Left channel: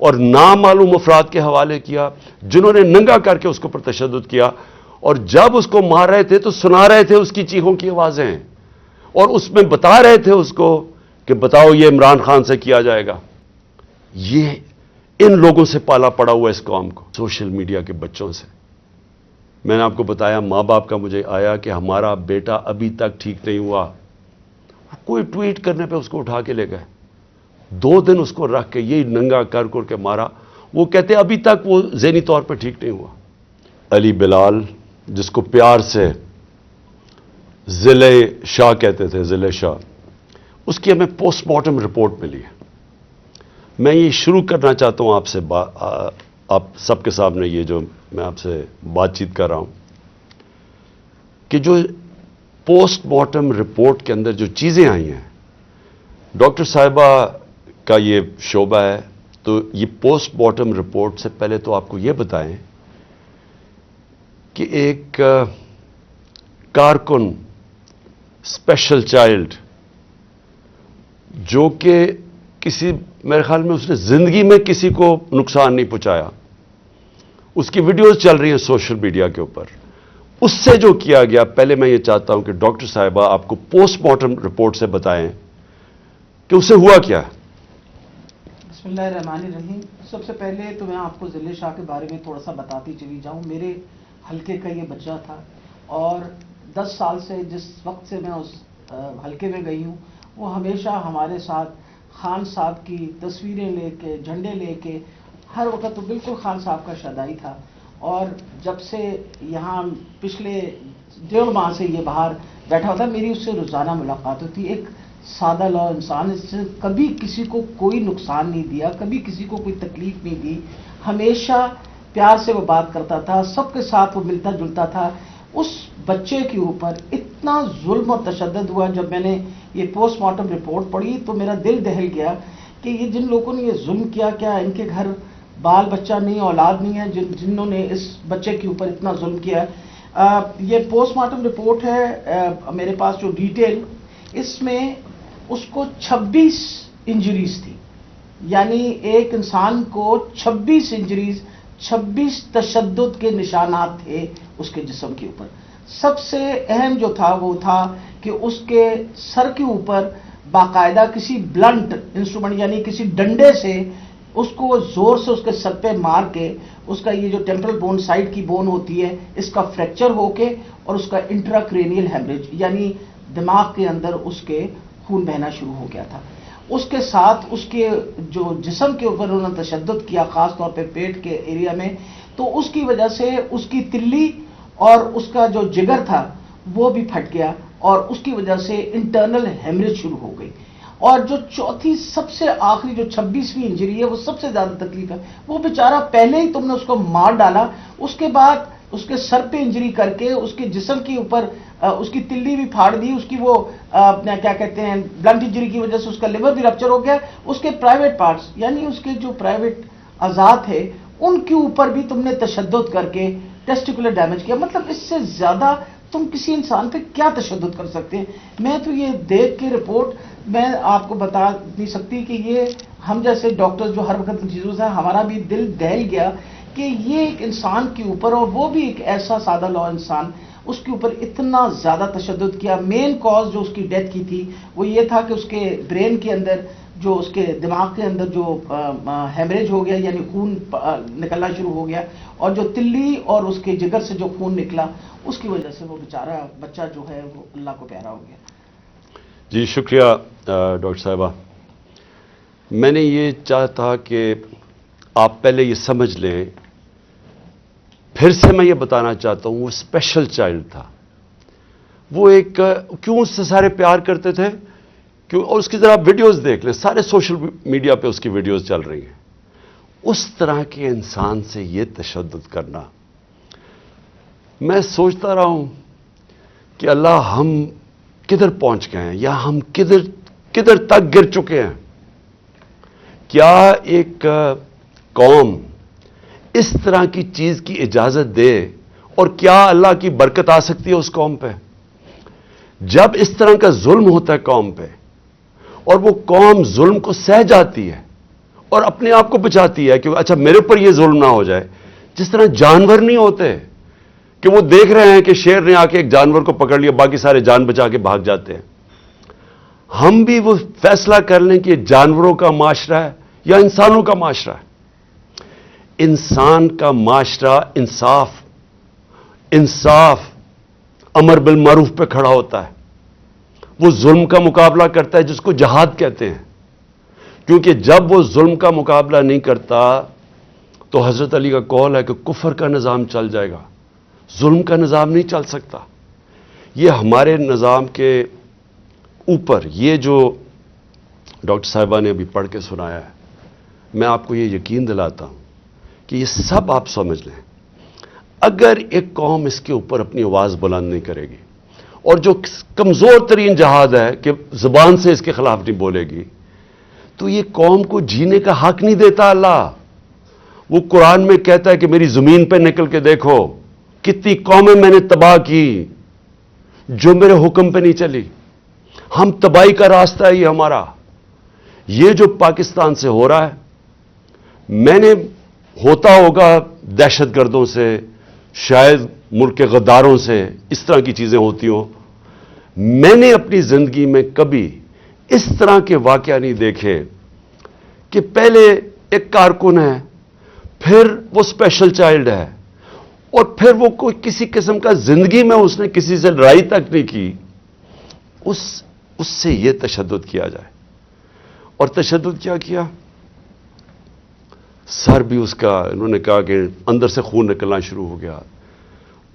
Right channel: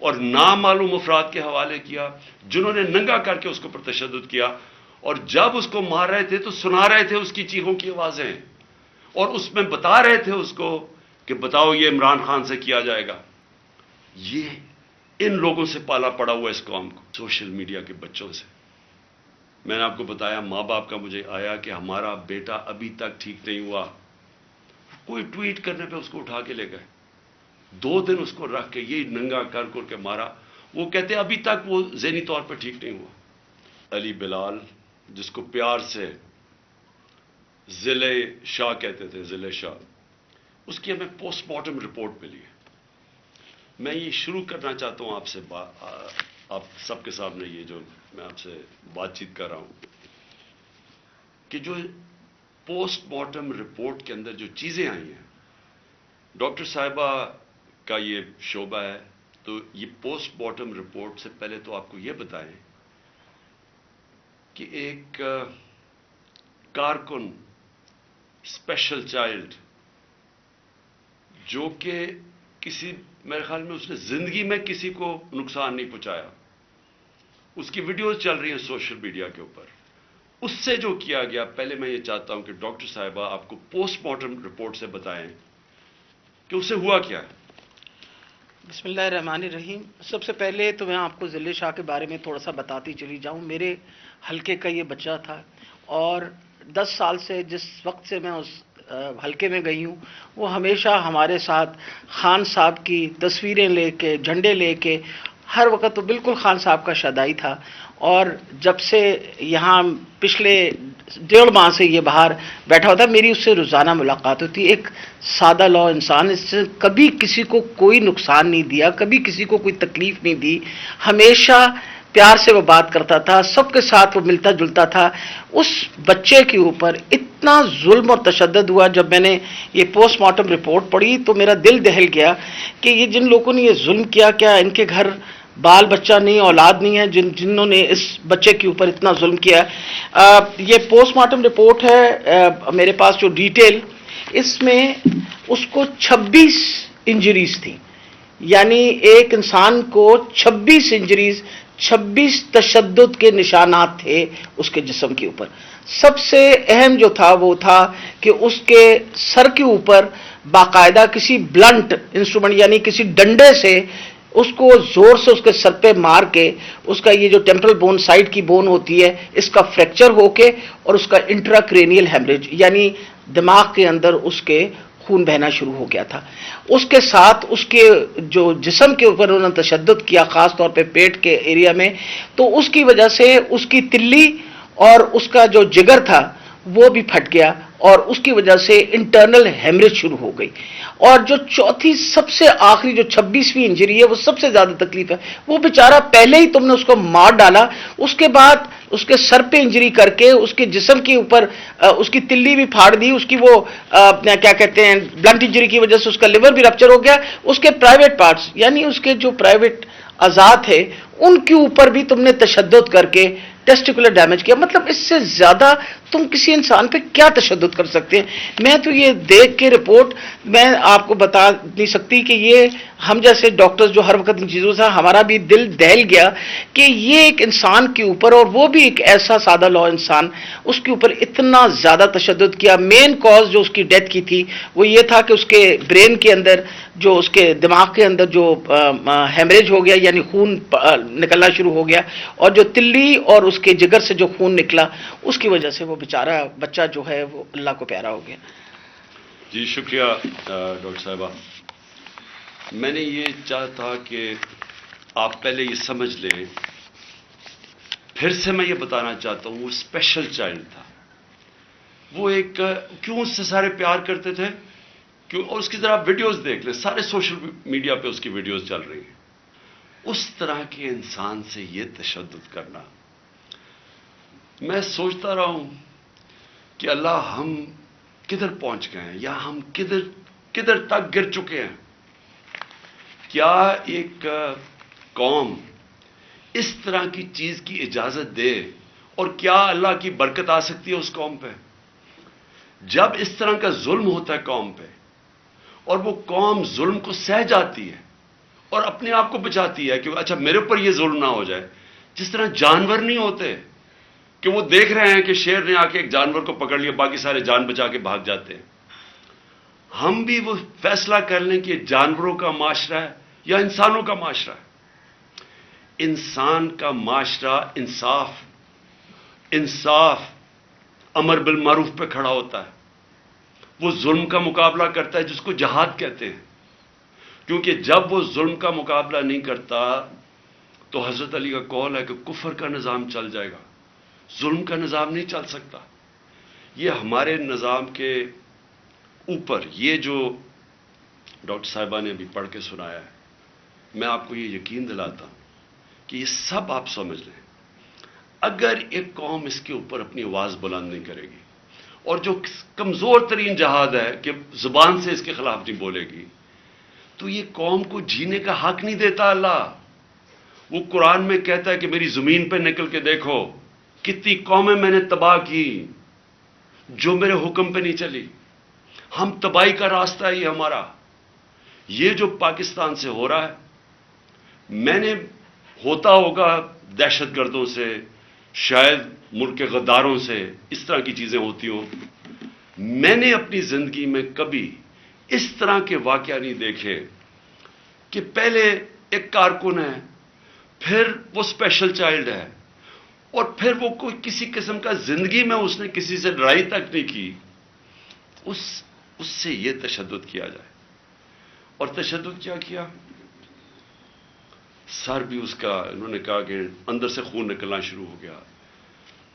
اور نامعلوم افراد کے حوالے کیا جنہوں نے ننگا کر کے اس کو پر تشدد کیا، اور جب اس کو مار رہے تھے تو سنا رہے تھے اس کی چیخوں کی آوازیں، اور اس میں بتا رہے تھے اس کو کہ بتاؤ یہ عمران خان سے کیا جائے گا۔ یہ ان لوگوں سے پالا پڑا ہوا اس قوم کو، سوشل میڈیا کے بچوں سے۔ میں نے آپ کو بتایا ماں باپ کا مجھے آیا کہ ہمارا بیٹا ابھی تک ٹھیک نہیں ہوا، کوئی ٹویٹ کرنے پہ اس کو اٹھا کے لے گئے، 2 دن اس کو رکھ کے یہی ننگا کر کے مارا۔ وہ کہتے ابھی تک وہ ذہنی طور پہ ٹھیک نہیں ہوا۔ علی بلال، جس کو پیار سے ضلع شاہ کہتے تھے، ضلع شاہ، اس کی ہمیں پوسٹ مارٹم رپورٹ ملی ہے۔ میں یہ شروع کرنا چاہتا ہوں آپ سے، آپ سب کے سامنے یہ جو میں آپ سے بات چیت کر رہا ہوں، کہ جو پوسٹ مارٹم رپورٹ کے اندر جو چیزیں آئی ہیں، ڈاکٹر صاحبہ کا یہ شعبہ ہے، تو یہ پوسٹ مارٹم رپورٹ سے پہلے تو آپ کو یہ بتائیں کہ ایک کارکن اسپیشل چائلڈ جو کہ کسی، میرے خیال میں اس نے زندگی میں کسی کو نقصان نہیں پہنچایا، اس کی ویڈیوز چل رہی ہیں سوشل میڈیا کے اوپر، اس سے جو کیا گیا، پہلے میں یہ چاہتا ہوں کہ ڈاکٹر صاحبہ آپ کو پوسٹ مارٹم رپورٹ سے بتائیں کہ اسے ہوا کیا۔ بسم اللہ الرحمن الرحیم۔ سب سے پہلے تو میں آپ کو ضلع شاہ کے بارے میں تھوڑا سا بتاتی چلی جاؤں۔ میرے حلقے کا یہ بچہ تھا، اور 10 سال سے جس وقت سے میں اس حلقے میں گئی ہوں، وہ ہمیشہ ہمارے ساتھ خان صاحب کی تصویریں لے کے، جھنڈے لے کے، ہر وقت تو بالکل خان صاحب کا شدائی تھا۔ اور جب سے یہاں پچھلے 1.5 ماہ سے یہ باہر بیٹھا ہوتا، میری اس سے روزانہ ملاقات ہوتی۔ ایک سادہ لو انسان، اس سے کبھی کسی کو کوئی نقصان نہیں دیا، کبھی کسی کو کوئی تکلیف نہیں دی، ہمیشہ پیار سے وہ بات کرتا تھا، سب کے ساتھ وہ ملتا جلتا تھا۔ اس بچے کے اوپر اتنا ظلم اور تشدد ہوا، جب میں نے یہ پوسٹ مارٹم رپورٹ پڑھی تو میرا دل دہل گیا کہ یہ جن لوگوں نے یہ ظلم کیا، کیا ان کے گھر بال بچہ نہیں، اولاد نہیں ہے جنہوں نے اس بچے کے اوپر اتنا ظلم کیا۔ یہ پوسٹ مارٹم رپورٹ ہے میرے پاس جو ڈیٹیل، اس میں اس کو 26 انجریز تھی، یعنی ایک انسان کو 26 انجریز، 26 تشدد کے نشانات تھے اس کے جسم کے اوپر۔ سب سے اہم جو تھا وہ تھا کہ اس کے سر کے اوپر باقاعدہ کسی بلنٹ انسٹرومنٹ، یعنی کسی ڈنڈے سے اس کو زور سے اس کے سر پہ مار کے، اس کا یہ جو ٹیمپرل بون، سائڈ کی بون ہوتی ہے، اس کا فریکچر ہو کے، اور اس کا انٹراکرینیل ہیمریج، یعنی دماغ کے اندر اس کے خون بہنا شروع ہو گیا تھا۔ اس کے ساتھ اس کے جو جسم کے اوپر انہوں نے تشدد کیا، خاص طور پہ پیٹ کے ایریا میں، تو اس کی وجہ سے اس کی تلی اور اس کا جو جگر تھا وہ بھی پھٹ گیا، اور اس کی وجہ سے انٹرنل ہیمریج شروع ہو گئی۔ اور جو چوتھی سب سے آخری جو 26ویں انجری ہے، وہ سب سے زیادہ تکلیف ہے۔ وہ بیچارہ پہلے ہی تم نے اس کو مار ڈالا، اس کے بعد اس کے سر پہ انجری کر کے، اس کے جسم کے اوپر اس کی تلی بھی پھاڑ دی، اس کی وہ کیا کہتے ہیں بلنٹ انجری کی وجہ سے اس کا لیور بھی رپچر ہو گیا، اس کے پرائیویٹ پارٹس، یعنی اس کے جو پرائیویٹ اعضاء تھے ان کے اوپر بھی تم نے تشدد کر کے ٹیسٹیکولر ڈیمیج کیا۔ مطلب اس سے زیادہ تم کسی انسان پہ کیا تشدد کر سکتے ہیں؟ میں تو یہ دیکھ کے رپورٹ میں آپ کو بتا نہیں سکتی کہ یہ ہم جیسے ڈاکٹرز جو ہر وقت ان چیزوں سے، ہمارا بھی دل دہل گیا کہ یہ ایک انسان کے اوپر، اور وہ بھی ایک ایسا سادہ لو انسان، اس کے اوپر اتنا زیادہ تشدد کیا۔ مین کاز جو اس کی ڈیتھ کی تھی وہ یہ تھا کہ اس کے برین کے اندر، جو اس کے دماغ کے اندر جو ہیمریج ہو گیا، یعنی خون نکلنا شروع ہو گیا، اور جو تلی اور اس کے جگر سے جو خون نکلا، اس کی وجہ سے وہ بیچارہ بچہ جو ہے وہ اللہ کو پیارا ہو گیا۔ جی شکریہ ڈاکٹر صاحبہ۔ میں نے یہ چاہتا کہ آپ پہلے یہ سمجھ لیں، پھر سے میں یہ بتانا چاہتا ہوں، وہ اسپیشل چائلڈ تھا، وہ ایک، کیوں اس سے سارے پیار کرتے تھے، اور اس کی ذرا ویڈیوز دیکھ لیں، سارے سوشل میڈیا پہ اس کی ویڈیوز چل رہی ہیں۔ اس طرح کے انسان سے یہ تشدد کرنا، میں سوچتا رہا ہوں کہ اللہ ہم کدھر پہنچ گئے ہیں، یا ہم کدھر تک گر چکے ہیں۔ کیا ایک قوم اس طرح کی چیز کی اجازت دے، اور کیا اللہ کی برکت آ سکتی ہے اس قوم پہ؟ جب اس طرح کا ظلم ہوتا ہے قوم پہ، اور وہ قوم ظلم کو سہ جاتی ہے اور اپنے آپ کو بچاتی ہے کہ اچھا میرے اوپر یہ ظلم نہ ہو جائے. جس طرح جانور نہیں ہوتے کہ وہ دیکھ رہے ہیں کہ شیر نے آ کے ایک جانور کو پکڑ لیا، باقی سارے جان بچا کے بھاگ جاتے ہیں. ہم بھی وہ فیصلہ کر لیں کہ یہ جانوروں کا معاشرہ ہے یا انسانوں کا معاشرہ ہے. انسان کا معاشرہ انصاف امر بالمعروف پہ کھڑا ہوتا ہے. وہ ظلم کا مقابلہ کرتا ہے جس کو جہاد کہتے ہیں. کیونکہ جب وہ ظلم کا مقابلہ نہیں کرتا تو حضرت علی کا قول ہے کہ کفر کا نظام چل جائے گا، ظلم کا نظام نہیں چل سکتا. یہ ہمارے نظام کے اوپر یہ جو ڈاکٹر صاحبہ نے ابھی پڑھ کے سنایا ہے، میں آپ کو یہ یقین دلاتا ہوں کہ یہ سب آپ سمجھ لیں. اگر ایک قوم اس کے اوپر اپنی آواز بلند نہیں کرے گی، اور جو کمزور ترین جہاد ہے کہ زبان سے اس کے خلاف نہیں بولے گی، تو یہ قوم کو جینے کا حق نہیں دیتا اللہ. وہ قرآن میں کہتا ہے کہ میری زمین پہ نکل کے دیکھو کتنی قومیں میں نے تباہ کی جو میرے حکم پہ نہیں چلی. ہم تباہی کا راستہ ہے یہ ہمارا. یہ جو پاکستان سے ہو رہا ہے، میں نے ہوتا ہوگا دہشت گردوں سے، شاید ملک کے غداروں سے، اس طرح کی چیزیں ہوتی ہوں. میں نے اپنی زندگی میں کبھی اس طرح کے واقعہ نہیں دیکھے کہ پہلے ایک کارکن ہے، پھر وہ اسپیشل چائلڈ ہے، اور پھر وہ کوئی کسی قسم کا زندگی میں اس نے کسی سے لڑائی تک نہیں کی، اس سے یہ تشدد کیا جائے. اور تشدد کیا کیا؟ سر بھی اس کا، انہوں نے کہا کہ اندر سے خون نکلنا شروع ہو گیا.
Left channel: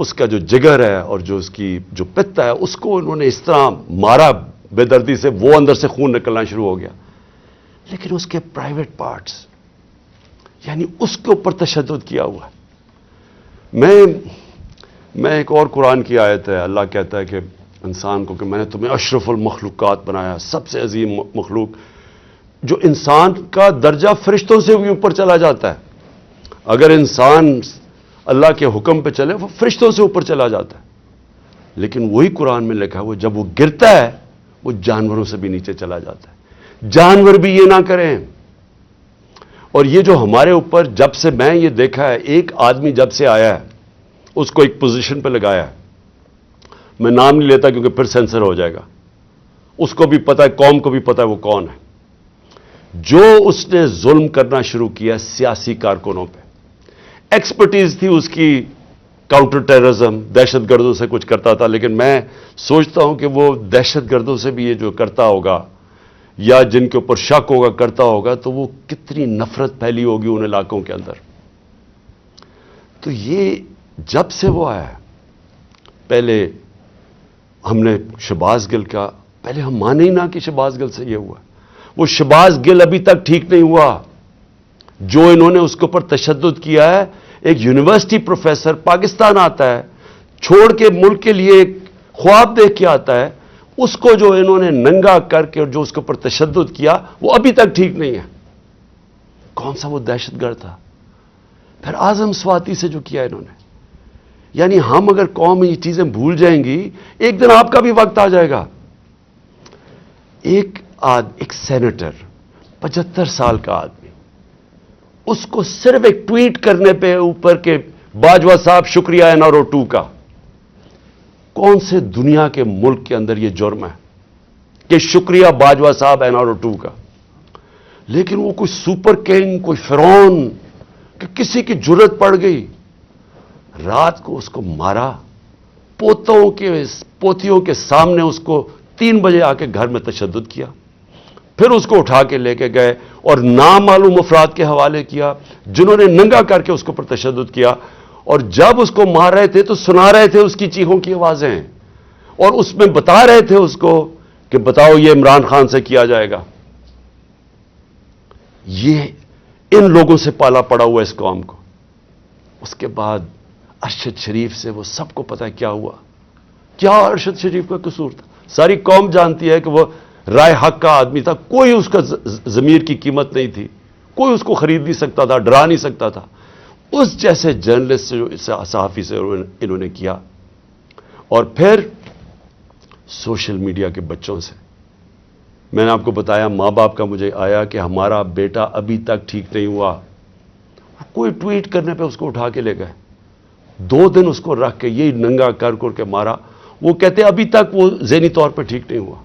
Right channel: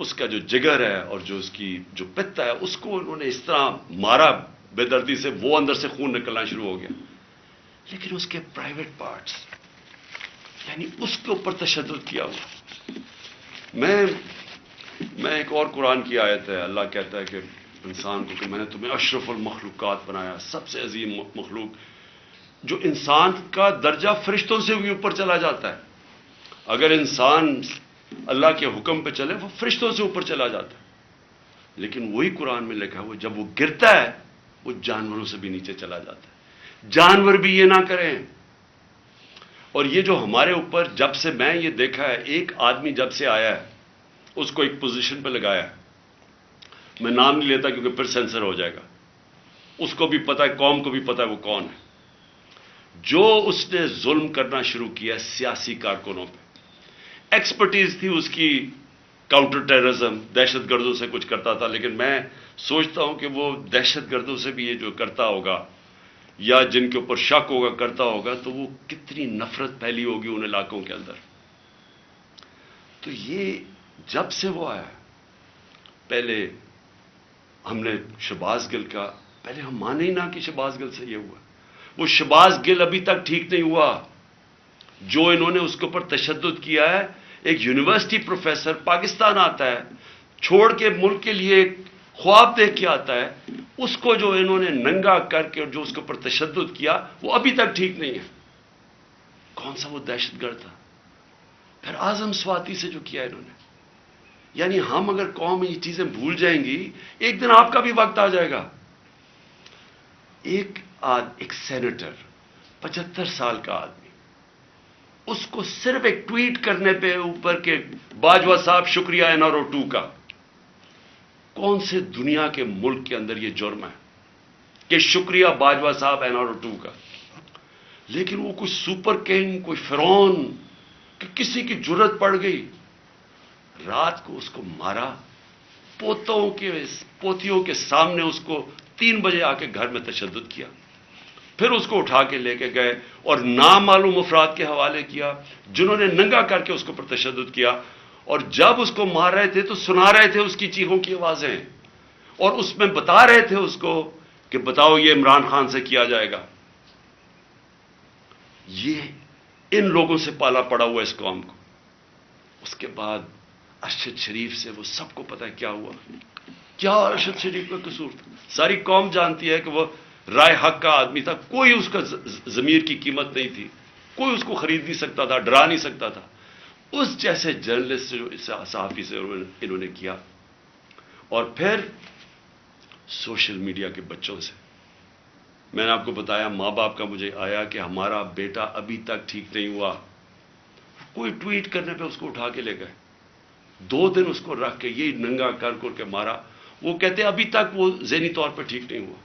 اس کا جو جگر ہے اور جو اس کی جو پتا ہے، اس کو انہوں نے اس طرح مارا بے دردی سے، وہ اندر سے خون نکلنا شروع ہو گیا. لیکن اس کے پرائیویٹ پارٹس، یعنی اس کے اوپر تشدد کیا ہوا. میں ایک اور قرآن کی آیت ہے، اللہ کہتا ہے کہ انسان کو کہ میں نے تمہیں اشرف المخلوقات بنایا، سب سے عظیم مخلوق، جو انسان کا درجہ فرشتوں سے بھی اوپر چلا جاتا ہے. اگر انسان اللہ کے حکم پہ چلے وہ فرشتوں سے اوپر چلا جاتا ہے. لیکن وہی قرآن میں لکھا ہے وہ جب وہ گرتا ہے وہ جانوروں سے بھی نیچے چلا جاتا ہے. جانور بھی یہ نہ کریں. اور یہ جو ہمارے اوپر جب سے میں یہ دیکھا ہے، ایک آدمی جب سے آیا ہے اس کو ایک پوزیشن پہ لگایا ہے، میں نام نہیں لیتا کیونکہ پھر سینسر ہو جائے گا، اس کو بھی پتا ہے، قوم کو بھی پتا ہے وہ کون ہے. جو اس نے ظلم کرنا شروع کیا سیاسی کارکنوں پہ، ایکسپرٹیز تھی اس کی کاؤنٹر ٹیررزم، دہشت گردوں سے کچھ کرتا تھا. لیکن میں سوچتا ہوں کہ وہ دہشت گردوں سے بھی یہ جو کرتا ہوگا یا جن کے اوپر شک ہوگا کرتا ہوگا، تو وہ کتنی نفرت پھیلی ہوگی ان علاقوں کے اندر. تو یہ جب سے وہ آیا، پہلے ہم نے شہباز گل کا، پہلے ہم مانے ہی نہ کہ شہباز گل سے یہ ہوا. وہ شہباز گل ابھی تک ٹھیک نہیں ہوا جو انہوں نے اس کے اوپر تشدد کیا ہے. ایک یونیورسٹی پروفیسر پاکستان آتا ہے، چھوڑ کے ملک کے لیے ایک خواب دیکھ کے آتا ہے، اس کو جو انہوں نے ننگا کر کے اور جو اس کے اوپر تشدد کیا وہ ابھی تک ٹھیک نہیں ہے. کون سا وہ دہشت گرد تھا؟ پھر اعظم سواتی سے جو کیا انہوں نے. یعنی ہم اگر قوم یہ چیزیں بھول جائیں گی، ایک دن آپ کا بھی وقت آ جائے گا. ایک سینیٹر 75 سال کا آدمی، اس کو صرف ایک ٹویٹ کرنے پہ اوپر کے باجوہ صاحب شکریہ NRO 2 کا. کون سے دنیا کے ملک کے اندر یہ جرم ہے کہ شکریہ باجوہ صاحب NRO 2 کا؟ لیکن وہ کوئی سپر کنگ، کوئی فرعون کہ کسی کی جرت پڑ گئی، رات کو اس کو مارا، پوتیوں کے سامنے اس کو 3 بجے آ کے گھر میں تشدد کیا، پھر اس کو اٹھا کے لے کے گئے اور نامعلوم افراد کے حوالے کیا جنہوں نے ننگا کر کے اس کے اوپر تشدد کیا. اور جب اس کو مار رہے تھے تو سنا رہے تھے اس کی چیخوں کی آوازیں، اور اس میں بتا رہے تھے اس کو کہ بتاؤ یہ عمران خان سے کیا جائے گا. یہ ان لوگوں سے پالا پڑا ہوا اس قوم کو. اس کے بعد ارشد شریف سے وہ سب کو پتا ہے کیا ہوا. کیا ارشد شریف کا قصور تھا؟ ساری قوم جانتی ہے کہ وہ رائے حق کا آدمی تھا، کوئی اس کا ضمیر کی قیمت نہیں تھی، کوئی اس کو خرید نہیں سکتا تھا، ڈرا نہیں سکتا تھا. اس جیسے جرنلسٹ سے، صحافی سے انہوں نے کیا. اور پھر سوشل میڈیا کے بچوں سے میں نے آپ کو بتایا ماں باپ کا مجھے آیا کہ ہمارا بیٹا ابھی تک ٹھیک نہیں ہوا. کوئی ٹویٹ کرنے پہ اس کو اٹھا کے لے گئے. 2 دن اس کو رکھ کے یہی ننگا کر کے مارا. وہ کہتے ابھی تک وہ ذہنی طور پہ ٹھیک نہیں ہوا.